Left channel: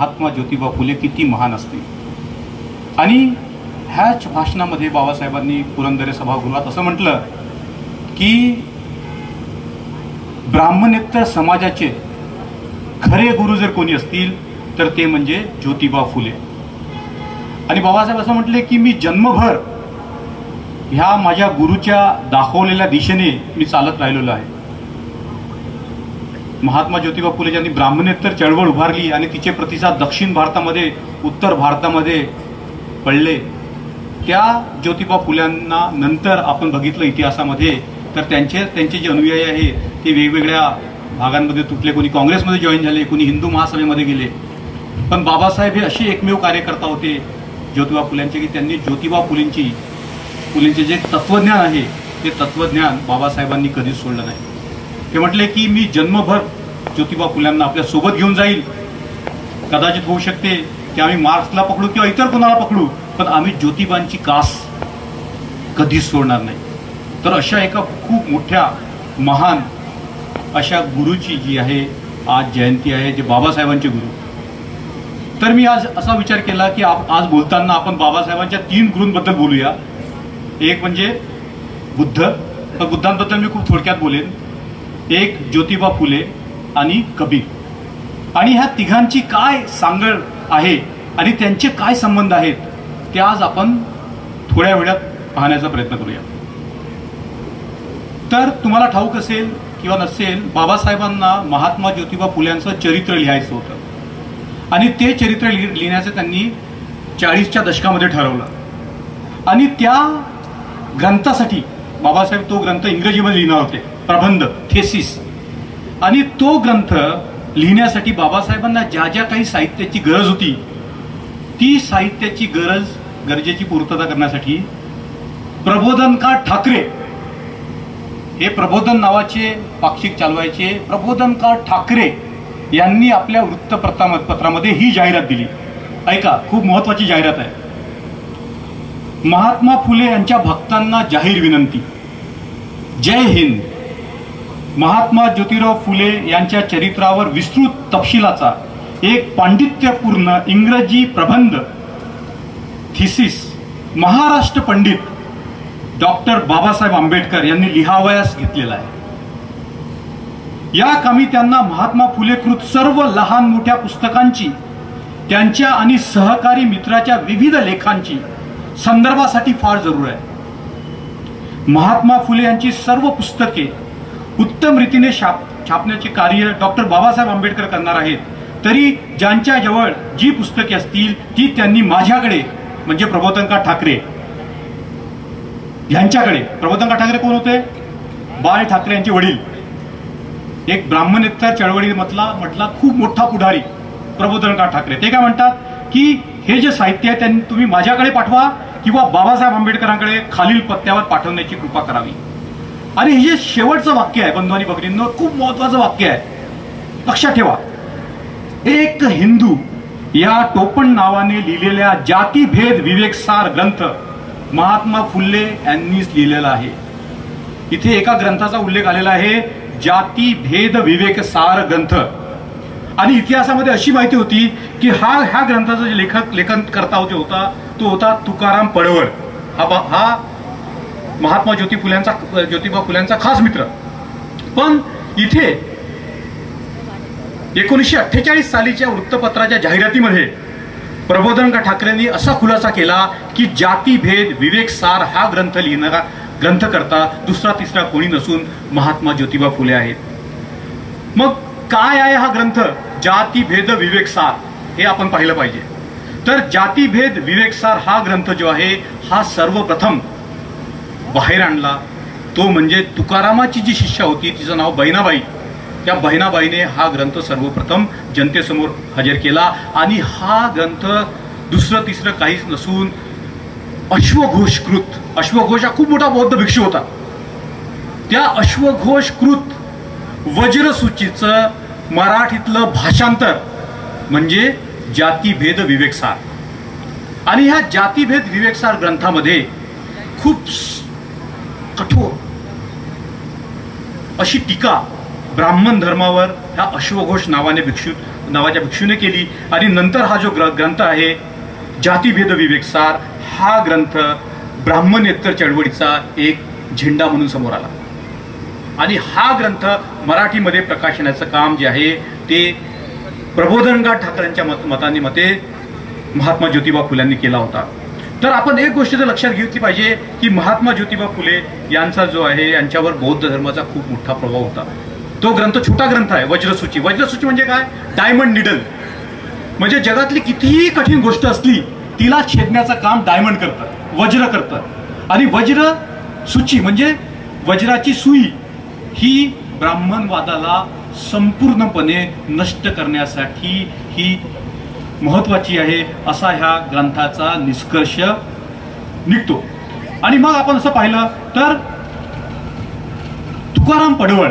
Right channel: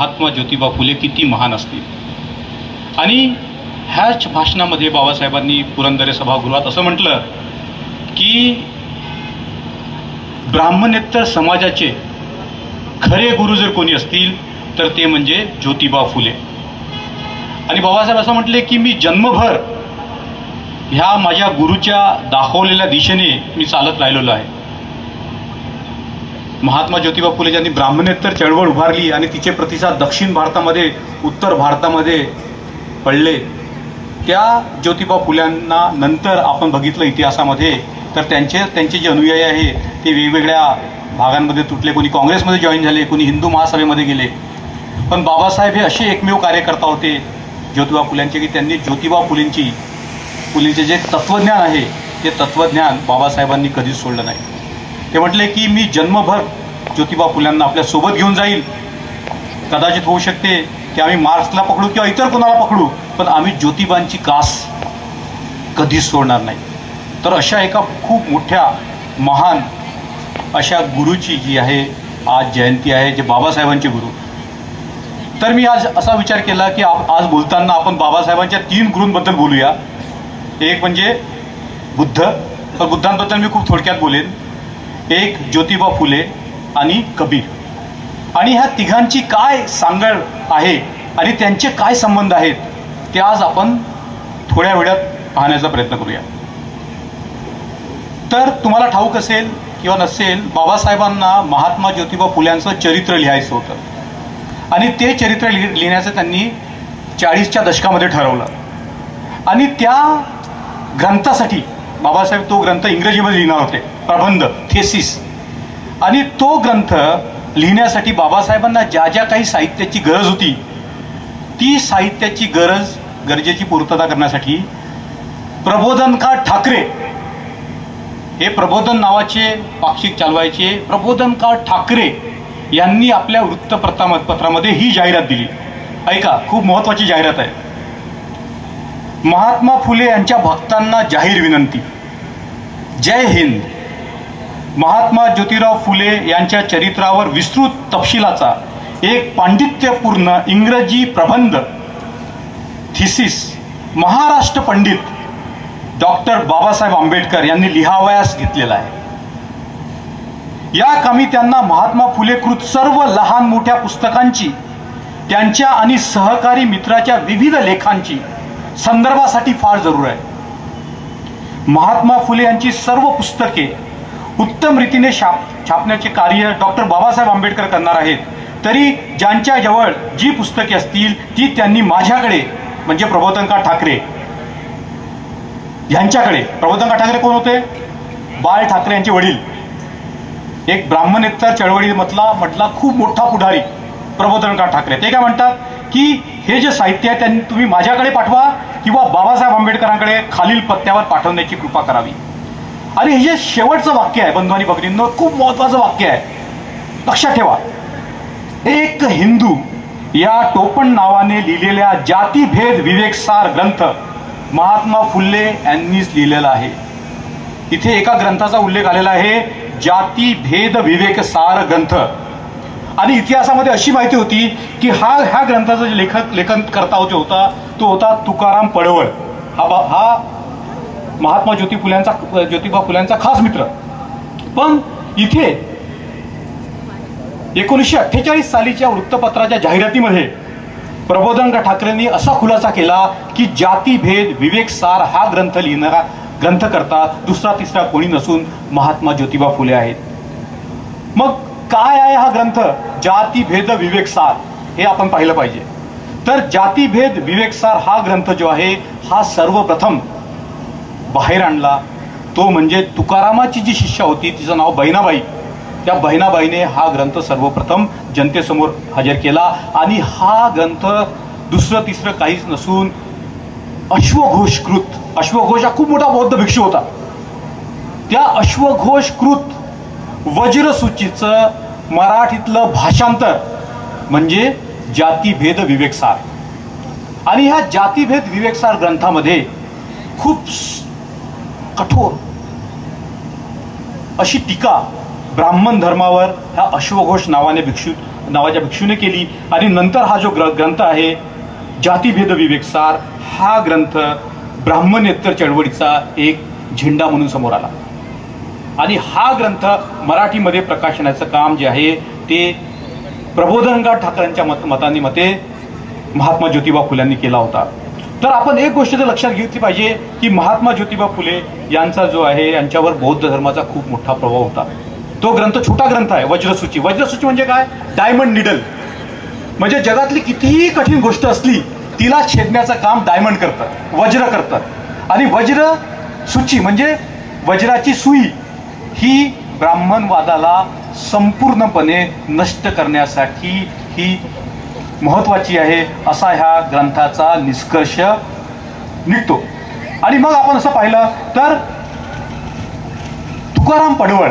महात्मा ज्योतिबा फुले किती महान असतील। आणि ह्याच भाषणामध्ये बाबासाहेबांनी पुरंदर सभागृहात असं म्हटलं की ब्राह्मणेतर समाजाचे खरे गुरु जर कोणी असतील तर ते म्हणजे ज्योतिबा फुले। आणि बाबासाहेब असं म्हटले की मी जन्मभर ह्या माझ्या गुरुच्या दाखवलेल्या दिशेने मी चालत राहिलेलो आहे। महात्मा ज्योतिबा फुले ज्यांनी ब्राह्मणेतर चळवळ उभारली आणि तिचे प्रतिसाद दक्षिण भारतामध्ये उत्तर भारतामध्ये पडले, त्या ज्योतिबा फुल्यांना नंतर आपण बघितलं इतिहासामध्ये तर त्यांचे जे अनुयायी आहे ते वेगवेगळ्या भागांमध्ये तुटले, कोणी काँग्रेसमध्ये जॉईन झाले, कोणी हिंदू महासभेमध्ये गेले। पण बाबासाहेब हे असे एकमेव कार्यकर्ता होते ज्योतिबा फुल्यांचे की त्यांनी ज्योतिबा फुलेंचे जे तत्वज्ञान आहे ते तत्वज्ञान बाबासाहेबांनी कधीच सोडलं नाही। ते म्हटले की मी जन्मभर ज्योतिबा फुल्यांना आपल्या सोबत घेऊन जाईल। कदाचित होऊ शकते की आम्ही मार्क्सला पकडू किंवा इतर कोणाला पकडू, पण आम्ही ज्योतिबांची कास कधीच सोडणार नाही। तर अशा एका खूप मोठ्या महान अशा गुरुची जी आहे आज जयंती आहे, जे बाबासाहेबांचे गुरु। तर मी आज असा विचार केला की आज बोलताना आपण बाबासाहेबांच्या 3 गुरूंबद्दल बोलूया। एक म्हणजे बुद्ध, तर बुद्धांबद्दल मी खूप थोडक्यात बोलेन। एक ज्योतिबा फुले आणि कबीर। आणि ह्या तिघांची काय सांगड आहे आणि त्यांचे काय संबंध आहेत ते आज आपण थोड्या वेळात पाहण्याचा प्रयत्न करूया। तर तुम्हाला ठाऊक असेल किंवा नसेल, बाबासाहेबांना महात्मा ज्योतिबा फुल्यांचं चरित्र लिहायचं होतं आणि ते चरित्र लिहिण्याचं त्यांनी 40च्या दशकामध्ये ठरवलं। आणि त्या ग्रंथासाठी बाबासाहेब तो ग्रंथ इंग्रजीमध्ये लिहिणार होते, प्रबंध, थेसिस। आणि तो ग्रंथ लिहिण्यासाठी बाबासाहेबांना ज्या ज्या काही साहित्याची गरज होती ती साहित्याची गरजेची पूर्तता करण्यासाठी प्रबोधनकार ठाकरे, हे प्रबोधन नावाचे पाक्षिक चालवायचे, प्रबोधनकार ठाकरे यांनी आपल्या वृत्तपत्रामध्ये ही जाहिरात दिली। ऐका, खूप महत्वाची जाहिरात आहे। महात्मा फुले यांच्या भक्तांना जाहीर विनंती, जय हिंद। महात्मा ज्योतिराव फुले यांच्या चरित्रावर विस्तृत तपशिलाचा एक पांडित्यपूर्ण इंग्रजी प्रबंध, थिसिस, महाराष्ट्र पंडित डॉक्टर बाबासाहेब आंबेडकर यांनी लिहावयास घेतलेला आहे। या कामी त्यांना महात्मा फुलेकृत सर्व लहान मोठ्या पुस्तकांची, त्यांच्या आणि सहकारी मित्राच्या विविध लेखांची संदर्भासाठी फार जरूर आहे। महात्मा फुले यांची सर्व पुस्तके उत्तम रीतीने छापण्याचे कार्य डॉक्टर बाबासाहेब आंबेडकर करणार आहेत। तरी ज्यांच्याजवळ जी पुस्तके असतील ती त्यांनी माझ्याकडे, म्हणजे प्रबोधनकार ठाकरे यांच्याकडे, प्रबोधनकार ठाकरे कोण होते? बाळ ठाकरे यांचे वडील, एक ब्राह्मणेतर चळवळीमधला खूप मोठा पुढारी प्रबोधनकार ठाकरे। ते काय म्हणतात की हे जे साहित्य आहे त्यांनी तुम्ही माझ्याकडे पाठवा किंवा बाबासाहेब आंबेडकरांकडे खालील पत्त्यावर पाठवण्याची कृपा करावी। आणि हे जे शेवटचं वाक्य आहे बंधू आणि भगिनींनो, खूप महत्वाचं वाक्य आहे, लक्षात ठेवा। एक हिंदू या टोपण नावाने लिहिलेल्या जातीभेद विवेकसार ग्रंथ महात्मा फुले यांनीच लिहिलेला आहे। इथे एका ग्रंथाचा उल्लेख आलेला आहे, जातीभेद विवेकसार ग्रंथ। आणि इतिहासामध्ये अशी माहिती होती की ह्या ग्रंथाचा जे लेखन करता होता तो होता तुकाराम पडवळ। हा महात्मा ज्योतिबा फुल्यांचा खास मित्र। पण इथे 1948 सालीच्या वृत्तपत्राच्या जाहिरातीमध्ये प्रबोधनकार ठाकरेंनी असा खुलासा केला की जातीभेद विवेकसार हा ग्रंथकर्ता दुसरा तिसरा कोणी नसून महात्मा ज्योतिबा फुले आहेत। मग काय आहे हा ग्रंथ जातीभेद विवेकसार, हे आपण पाहिलं पाहिजे। तर जातीभेद विवेकसार हा ग्रंथ जो आहे हा सर्वप्रथम बाहेर आणला तो म्हणजे तुकारामाची जी शिष्या होती, तिचं नाव बहिणाबाई, त्या बहिणाबाईने हा ग्रंथ सर्वप्रथम जनतेसमोर हजर केला। आणि हा ग्रंथ दुसरं तिसरं काहीच नसून अश्वघोषकृत, अश्वघोष हा खूप मोठा बौद्ध भिक्षू होता, त्या अश्वघोषकृत वज्रसूचीचं मराठीतलं भाषांतर म्हणजे जातीभेद विवेकसार। आणि ह्या जातीभेद विवेकसार ग्रंथामध्ये खूप कठोर अशी टीका ब्राह्मण धर्मावर ह्या अश्वघोष नावाने भिक्षू नावाच्या भिक्षूने केली. आणि नंतर हा जो ग्रंथ आहे जातीभेद विवेकसार, हा ग्रंथ ब्राह्मणेतर चळवळीचा एक झेंडा म्हणून समोर आला. आणि हा ग्रंथ मराठीमध्ये प्रकाशनाचं काम जे आहे ते प्रबोधनकार ठाकरेंच्या मते महात्मा ज्योतिबा फुल्यांनी केला होता. तर आपण एक गोष्ट तर लक्षात घेतली पाहिजे की महात्मा ज्योतिबा फुले यांचा जो आहे यांच्यावर बौद्ध धर्माचा खूप मोठा प्रभाव होता. तो ग्रंथ छोटा ग्रंथ आहे, वज्रसूची. वज्रसूची म्हणजे काय? Diamond needle. म्हणजे जगातली कितीही कठीण गोष्ट असली तिला छेदण्याचं काम डायमंड करतात, वज्र करतात. आणि वज्र सूची म्हणजे वज्राची सुई ही ब्राह्मणवादाला संपूर्णपणे नष्ट करण्यासाठी ही महत्वाची आहे, असा ह्या ग्रंथाचा निष्कर्ष निघतो. आणि मग आपण असं पाहिलं तर तुकाराम पडवळ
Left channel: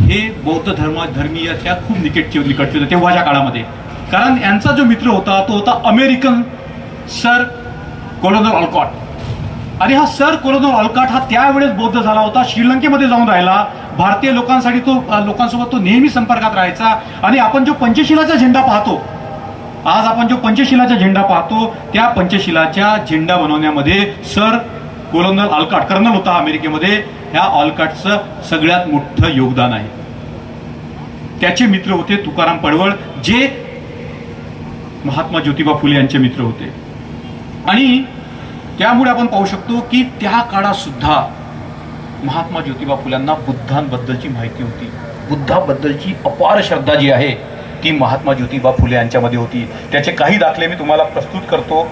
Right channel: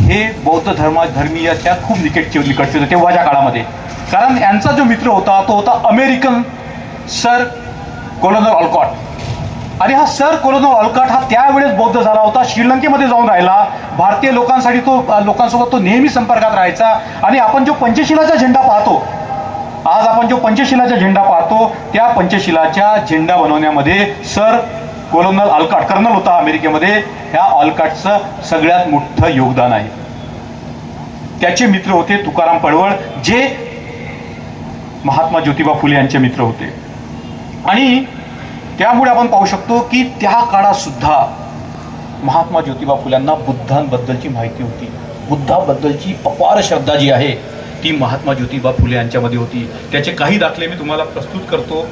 हे बौद्ध धर्मीयाच्या खूप निकटचे होते तेव्हाच्या काळामध्ये. कारण यांचा जो मित्र होता तो होता अमेरिकन सर कोलोनल ऑलकॉट. आणि हा सर कोलोनल ऑलकॉट हा त्यावेळेस बौद्ध झाला होता. श्रीलंकेमध्ये जाऊन राहिला. भारतीय लोकांसोबत तो नेहमी संपर्कात राहायचा. आणि आपण जो पंचशिलाचा झेंडा पाहतो, आज आपण जो पंचशिलाचा झेंडा पाहतो, त्या पंचशिलाच्या झेंडा बनवण्यामध्ये सर कोलोनल ऑलकॉट, कर्नल होता अमेरिकेमध्ये, ह्या ऑलकॉटचं सगळ्यात मोठं योगदान आहे. त्याचे मित्र होते तुकाराम पडवळ, जे महात्मा ज्योतिबा फुले यांचे मित्र होते. आणि त्यामुळे आपण पाहू शकतो की त्या काळात सुद्धा महात्मा ज्योतिबा फुल्यांना बुद्धांबद्दलची माहिती होती. बुद्धाबद्दलची अपार श्रद्धा जी आहे ती महात्मा ज्योतिबा फुले यांच्यामध्ये होती. त्याचे काही दाखले मी तुम्हाला प्रस्तुत करतो.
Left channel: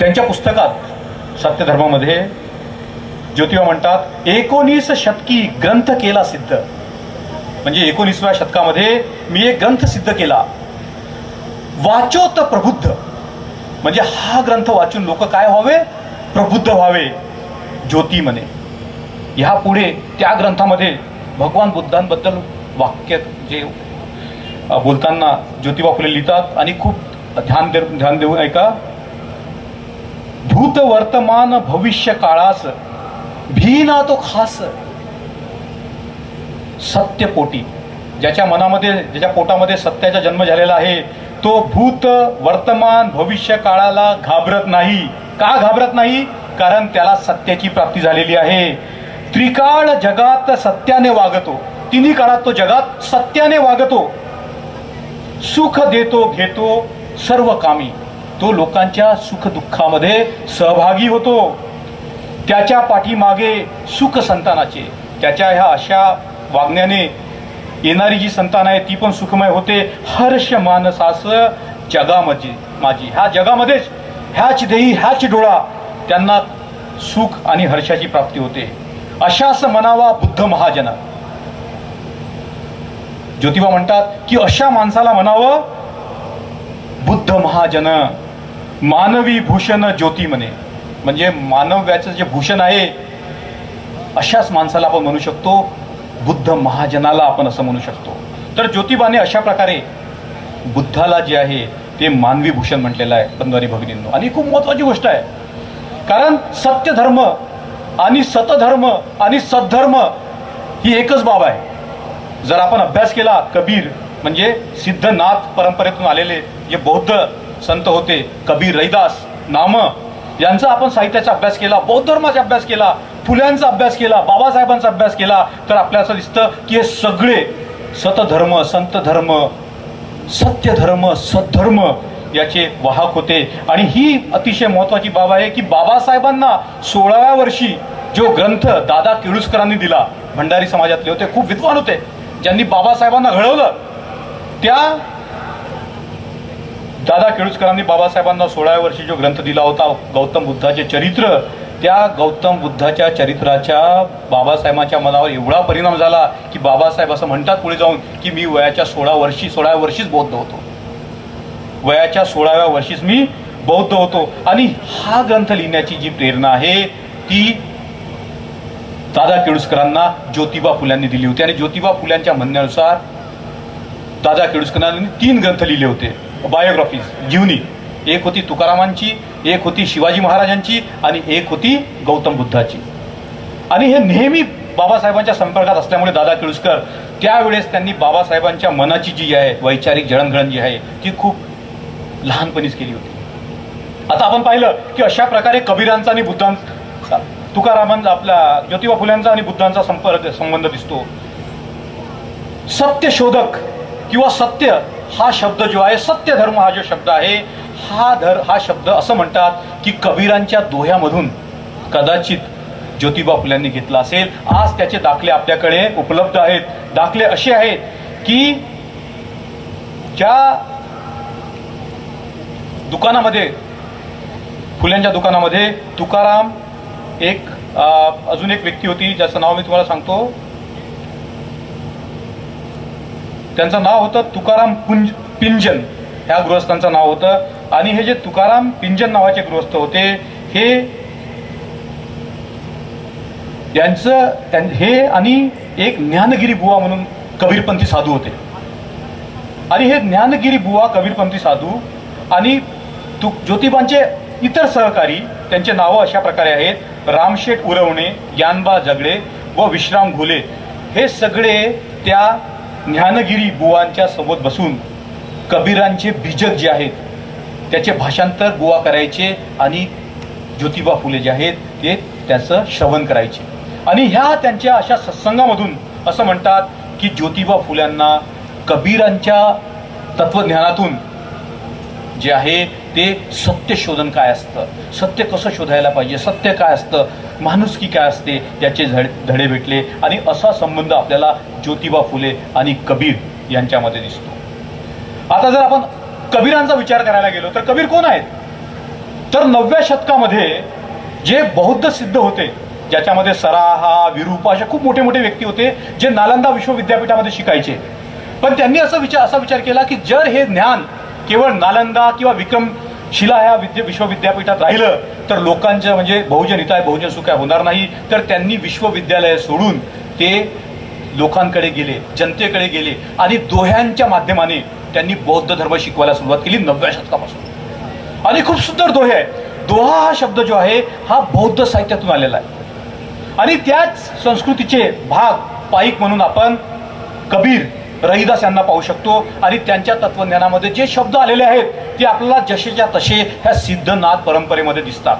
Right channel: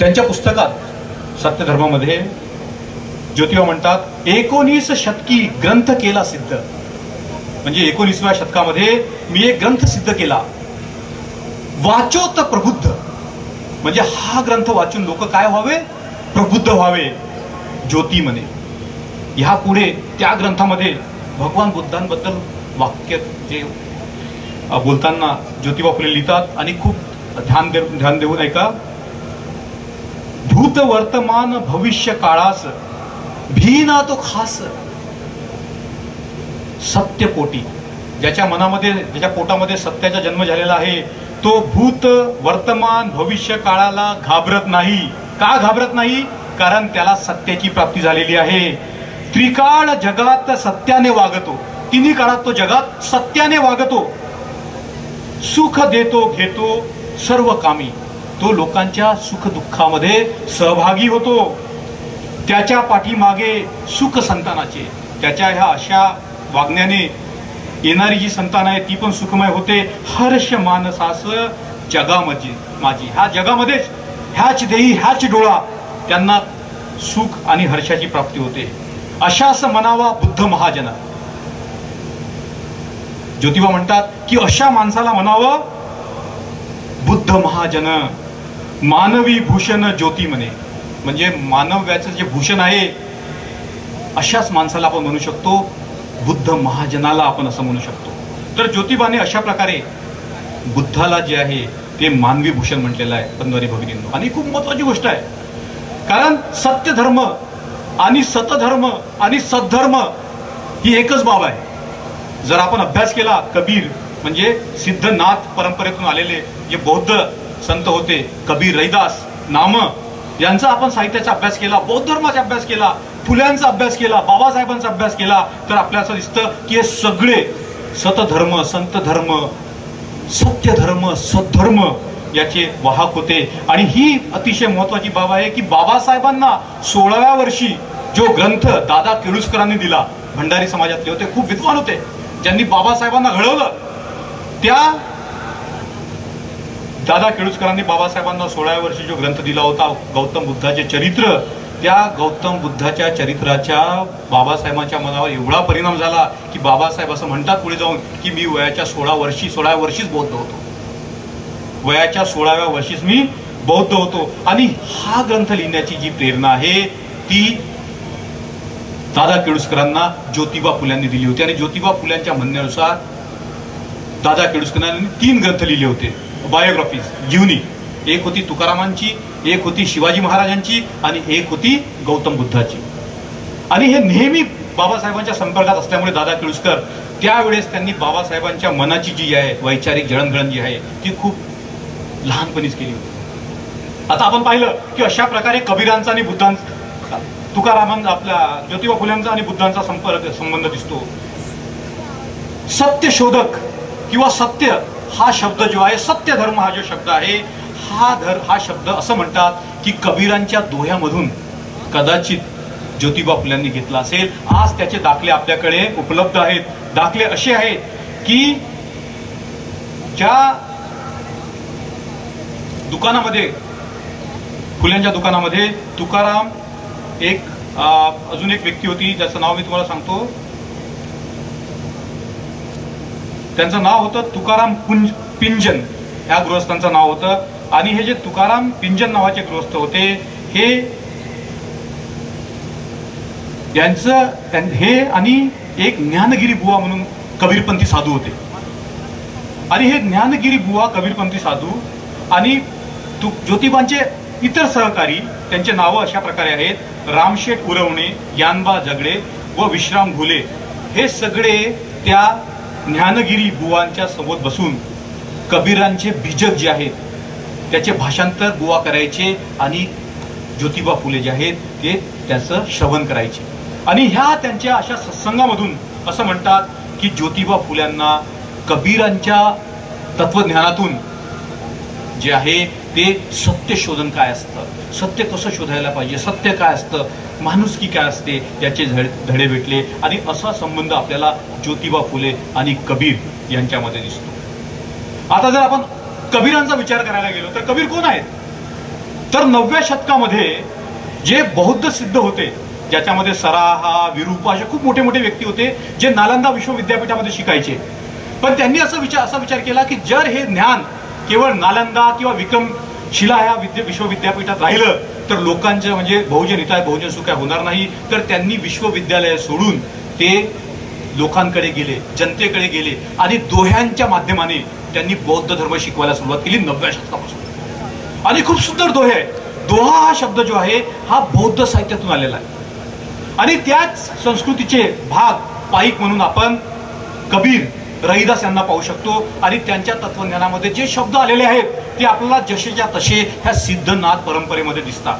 त्यांच्या पुस्तकात सत्यधर्मामध्ये ज्योतिबा म्हणतात, 19 शतकी ग्रंथ केला सिद्ध. म्हणजे 19व्या शतकामध्ये मी एक ग्रंथ सिद्ध केला. वाचोत प्रबुद्ध. म्हणजे हा ग्रंथ वाचून लोक काय व्हावे? प्रबुद्ध व्हावे. ज्योती म्हणे. ह्या पुढे त्या ग्रंथामध्ये भगवान बुद्धांबद्दल वाक्य जे बोलताना ज्योतिबा फुले लिहितात आणि खूप ध्यान देऊन ऐका. भूत वर्तमान भविष्य काळास भीना तो खास. सत्यपोटी, ज्याच्या पोटामध्ये सत्याचा जन्म झालेला आहे, तो भूत वर्तमान भविष्य काळाला घाबरत नाही. का घाबरत नाही? कारण त्याला सत्याची प्राप्ती झालेली आहे. त्रिकाळ जगात सत्याने वागतो. तिन्ही काळात तो जगात सत्याने वागतो. सुख देतो घेतो सर्व कामी. तो लोकांच्या सुख दुःखामध्ये सहभागी होतो. त्याच्या पाठीमागे सुख संतानाचे. त्याच्या ह्या अशा वागण्याने येणारी जी संतान आहे ती पण सुखमय होते. हर्ष मानसास जगामध्ये माझी. ह्या जगामध्येच ह्याच देही ह्याच डोळा त्यांना सुख आणि हर्षाची प्राप्ती होते. अशाच म्हणावा बुद्ध महाजन. ज्योतिबा म्हणतात की अशा माणसाला म्हणावं बुद्ध महाजन. मानवी भूषण ज्योती म्हणे. म्हणजे मानव्याचं जे भूषण आहे अशाच माणसाला आपण म्हणू शकतो बुद्ध महाजनाला आपण असं म्हणू शकतो. तर ज्योतिबाने अशा प्रकारे बुद्धाला जे आहे ते मानवी भूषण म्हटलेलं आहे बंधुआनी भगिनींनो. आणि खूप महत्वाची गोष्ट आहे, कारण सत्य धर्म आणि सतधर्म आणि सद्धर्म ही एकच बाब आहे. जर आपण अभ्यास केला, कबीर म्हणजे सिद्धनाथ परंपरेतून आलेले जे बौद्ध संत होते, कबीर, रैदास, नाम, यांचा आपण साहित्याचा अभ्यास केला, बौद्ध धर्माचा अभ्यास केला, फुल्यांचा अभ्यास केला, बाबासाहेबांचा अभ्यास केला, तर आपल्याला असं दिसतं की हे सगळे सतधर्म, संत धर्म, सत्य धर्म, सद्धर्म याचे वाहक होते. आणि ही अतिशय महत्वाची बाब आहे की बाबासाहेबांना 16व्या वर्षी जो ग्रंथ दादा केळुसकरांनी दिला, भंडारी समाजातले होते, खूप विद्वान होते, ज्यांनी बाबासाहेबांना घडवलं, त्या दादा केळुसकरांनी बाबासाहेबांना 16व्या वर्षी जो ग्रंथ दिला होता गौतम बुद्धाचे चरित्र, त्या गौतम बुद्धाच्या चरित्राच्या बाबासाहेबांच्या मनावर एवढा परिणाम झाला की बाबासाहेब असं म्हणतात पुढे जाऊन की मी वयाच्या 16व्या वर्षीच बौद्ध होतो. वयाच्या 16व्या वर्षीच मी बौद्ध होतो. आणि हा ग्रंथ लिहिण्याची जी प्रेरणा आहे ती दादा केळुसकरांना ज्योतिबा फुल्यांनी दिली होती. आणि ज्योतिबा फुल्यांच्या म्हणण्यानुसार दादा केळुसकरांनी 3 ग्रंथ लिहिले होते, बायोग्राफीज, जीवनी. एक होती तुकारामांची, एक होती शिवाजी महाराजांची आणि एक होती गौतम बुद्धाची. आणि हे नेहमी बाबासाहेबांच्या संपर्कात असल्यामुळे दादा केळुसकर त्यावेळेस त्यांनी बाबासाहेबांच्या मनाची जी आहे वैचारिक जळणघळण जी आहे ती खूप लहानपणीच केली होती. आता आपण पाहिलं की अशा प्रकारे कबीरांचा आणि बुद्धांचा, तुकारामांचा, आपल्या ज्योतिबा फुल्यांचा आणि बुद्धांचा संबंध दिसतो. सत्यशोधक किंवा सत्य हा शब्द जो आहे, सत्य धर्म हा जो शब्द आहे, हा शब्द असं म्हणतात की कबीरांच्या दोह्यामधून कदाचित ज्योतिबा फुल्यांनी घेतला असेल. आज त्याचे दाखले आपल्याकडे उपलब्ध आहेत. दाखले असे आहेत की ज्या दुकानामध्ये, फुल्यांच्या दुकानामध्ये तुकाराम, अजून एक व्यक्ती होती ज्याचं नाव मी तुम्हाला सांगतो, त्यांचं नाव होतं तुकाराम पिंजन, ह्या गृहस्थांचं नाव होतं. आणि हे जे तुकाराम पिंजन नावाचे गृहस्थ होते हे आणि एक ज्ञानगिरी बुवा म्हणून कबीरपंथी साधू होते. आणि हे ज्ञानगिरी बुवा कबीरपंथी साधू आणि ज्योतिबांचे इतर सहकारी, त्यांचे नावं अशा प्रकारे आहेत: रामशेठ उरवणे, यानबा जगडे व विश्राम घोले. हे सगळे त्या ज्ञानगिरी बुवांच्या सोबत बसून कबीरांचे बीजक जे आहेत त्याचे भाषांतर बुवा करायचे आणि ज्योतिबा फुले जे आहेत ते त्याचं श्रवण करायचे. आणि ह्या त्यांच्या अशा सत्संगामधून असं म्हणतात की ज्योतिबा फुल्यांना कबीरांच्या तत्वज्ञानातून जे आहे ते सत्य शोधन काय असतं, सत्य कसं शोधायला पाहिजे, सत्य काय असतं, माणुसकी काय असते याचे धडे भेटले. आणि असा संबंध आपल्याला ज्योतिबा फुले आणि कबीर यांच्यामध्ये दिसतो. आता जर आपण कबीरांचा विचार करायला गेलो तर कबीर कोण आहेत? तर 9व्या शतकामध्ये जे बौद्ध सिद्ध होते, ज्याच्यामध्ये सराहा, विरूपा असे खूप मोठे मोठे व्यक्ती होते जे नालंदा विश्वविद्यापीठामध्ये शिकायचे. पण त्यांनी असा विचार केला की जर हे ज्ञान केवळ नालंदा किंवा विक्रमशिला या विश्वविद्यापीठात राहिलं तर लोकांचं म्हणजे बहुजन हिताय बहुजन सुखाय होणार नाही. तर त्यांनी विश्वविद्यालय सोडून ते लोकांकडे गेले, जनतेकडे गेले आणि दोह्यांच्या माध्यमाने त्यांनी बौद्ध धर्म शिकवायला सुरुवात केली 9व्या शतकापासून. आणि खूप सुंदर दोहे आहे. दोहा हा शब्द जो आहे हा बौद्ध साहित्यातून आलेला आहे. आणि त्याच संस्कृतीचे भाग पाईक म्हणून आपण कबीर, रहिदास यांना पाहू शकतो. आणि त्यांच्या तत्वज्ञानामध्ये जे शब्द आलेले आहेत ते आपल्याला जसेच्या तसे ह्या सिद्धनाथ परंपरेमध्ये दिसतात.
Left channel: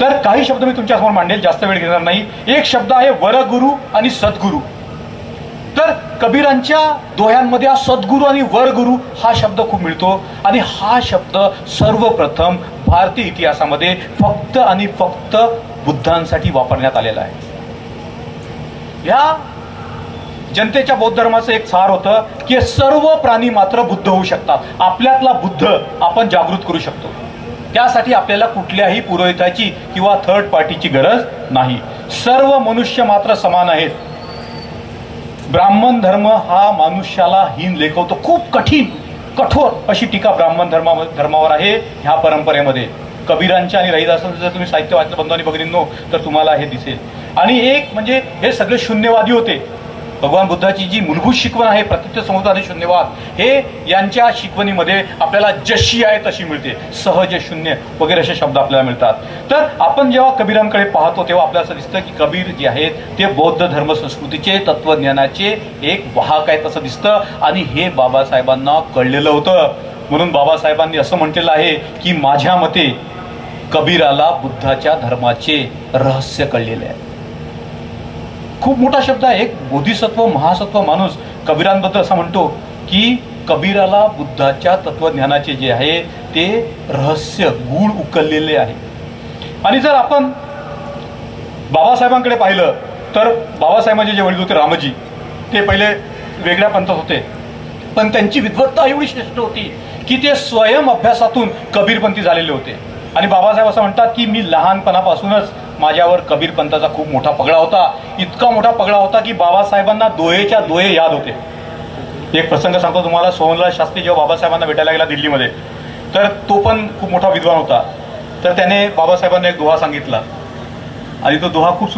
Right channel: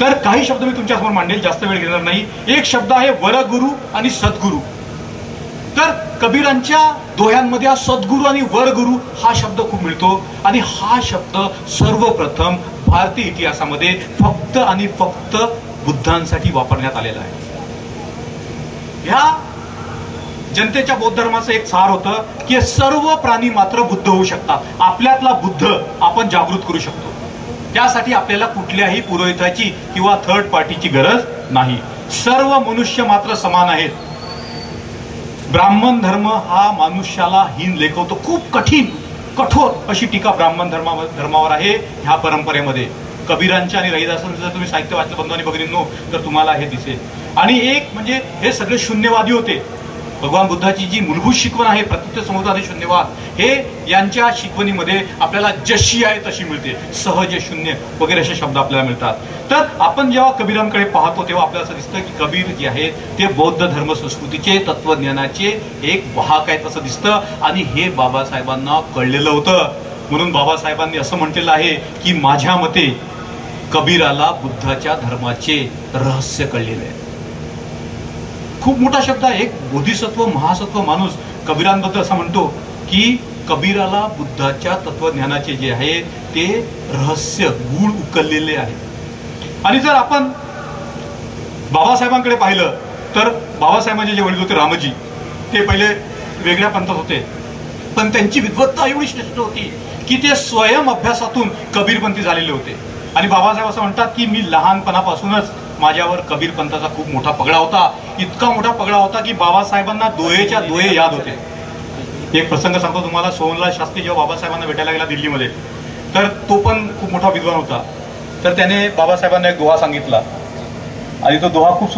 तर काही शब्द मी तुमच्यासमोर मांडेल, जास्त वेळ घेणार नाही. एक शब्द आहे वरगुरु आणि सद्गुरु. तर कबीरांच्या दोह्यांमध्ये हा सद्गुरु आणि वरगुरु हा शब्द खूप मिळतो. आणि हा शब्द सर्वप्रथम भारतीय इतिहासामध्ये फक्त आणि फक्त बुद्धांसाठी वापरण्यात आलेला आहे. ह्या जनतेच्या बौद्ध धर्माचं एक सार होतं की सर्व प्राणी मात्र बुद्ध होऊ शकतात. आपल्यातला बुद्ध आपण जागृत करू शकतो. त्यासाठी आपल्याला कुठल्याही पुरोहिताची किंवा थर्ड पार्टीची गरज नाही. सर्व मनुष्य मात्र समान आहेत. ब्राह्मण धर्म हा मनुष्याला हीन लेखवतो. खूप कठोर अशी टीका ब्राह्मण धर्मावर आहे ह्या परंपरेमध्ये. कबीरांच्या आणि रहिदासांचं जर तुम्ही साहित्य वाचलं बंधू आणि भगिनींनो तर तुम्हाला हे दिसेल. आणि एक म्हणजे हे सगळे शून्यवादी होते. भगवान बुद्धाची जी मूलभूत शिकवण आहे प्रतित्व समुदाय शून्यवाद, हे यांच्या शिकवणीमध्ये आपल्याला जशी आहे तशी मिळते. सहज शून्य वगैरे असे शब्द आपल्याला मिळतात. तर आपण जेव्हा कबीरांकडे पाहतो तेव्हा आपल्याला असं दिसतं की कबीर जे आहेत ते बौद्ध धर्म संस्कृतीचे तत्वज्ञानाचे एक वाहक आहेत असं दिसतं. आणि हे बाबासाहेबांना कळलेलं होतं. म्हणून बाबासाहेबांनी असं म्हटलेलं आहे की माझ्या मते कबीराला बुद्धाच्या धर्माचे रहस्य कळलेले आहे. खूप मोठा शब्द आहे. एक बोधिसत्व महासत्व माणूस कबीरांबद्दल असं म्हणतो की कबीराला बुद्धाच्या तत्वज्ञानाचे जे आहे ते रहस्य गूढ उकललेले आहे. आणि जर आपण बाबासाहेबांकडे पाहिलं तर बाबासाहेबांचे जे वडील होते रामजी, ते पहिले वेगळ्या पंथात होते. पण त्यांची विद्वत्ता एवढी श्रेष्ठ होती की ते स्वयं अभ्यासातून कबीरपंथी झालेले होते. आणि बाबासाहेब असं म्हणतात की मी लहानपणापासूनच माझ्यावर कबीर पंथाचा खूप मोठा पगडा होता. इतका मोठा पगडा होता की बाबासाहेबांना दोहेच्या दोहे याद होते. एक प्रसंग सांगतो तुम्हाला. सोहनलाल शास्त्री जेव्हा बाबासाहेबांना भेटायला गेला दिल्लीमध्ये, तर तो पण खूप मोठा विद्वान होता. तर त्याने बाबासाहेबांना एक दोहा सांगितला आणि तो दोहा खूप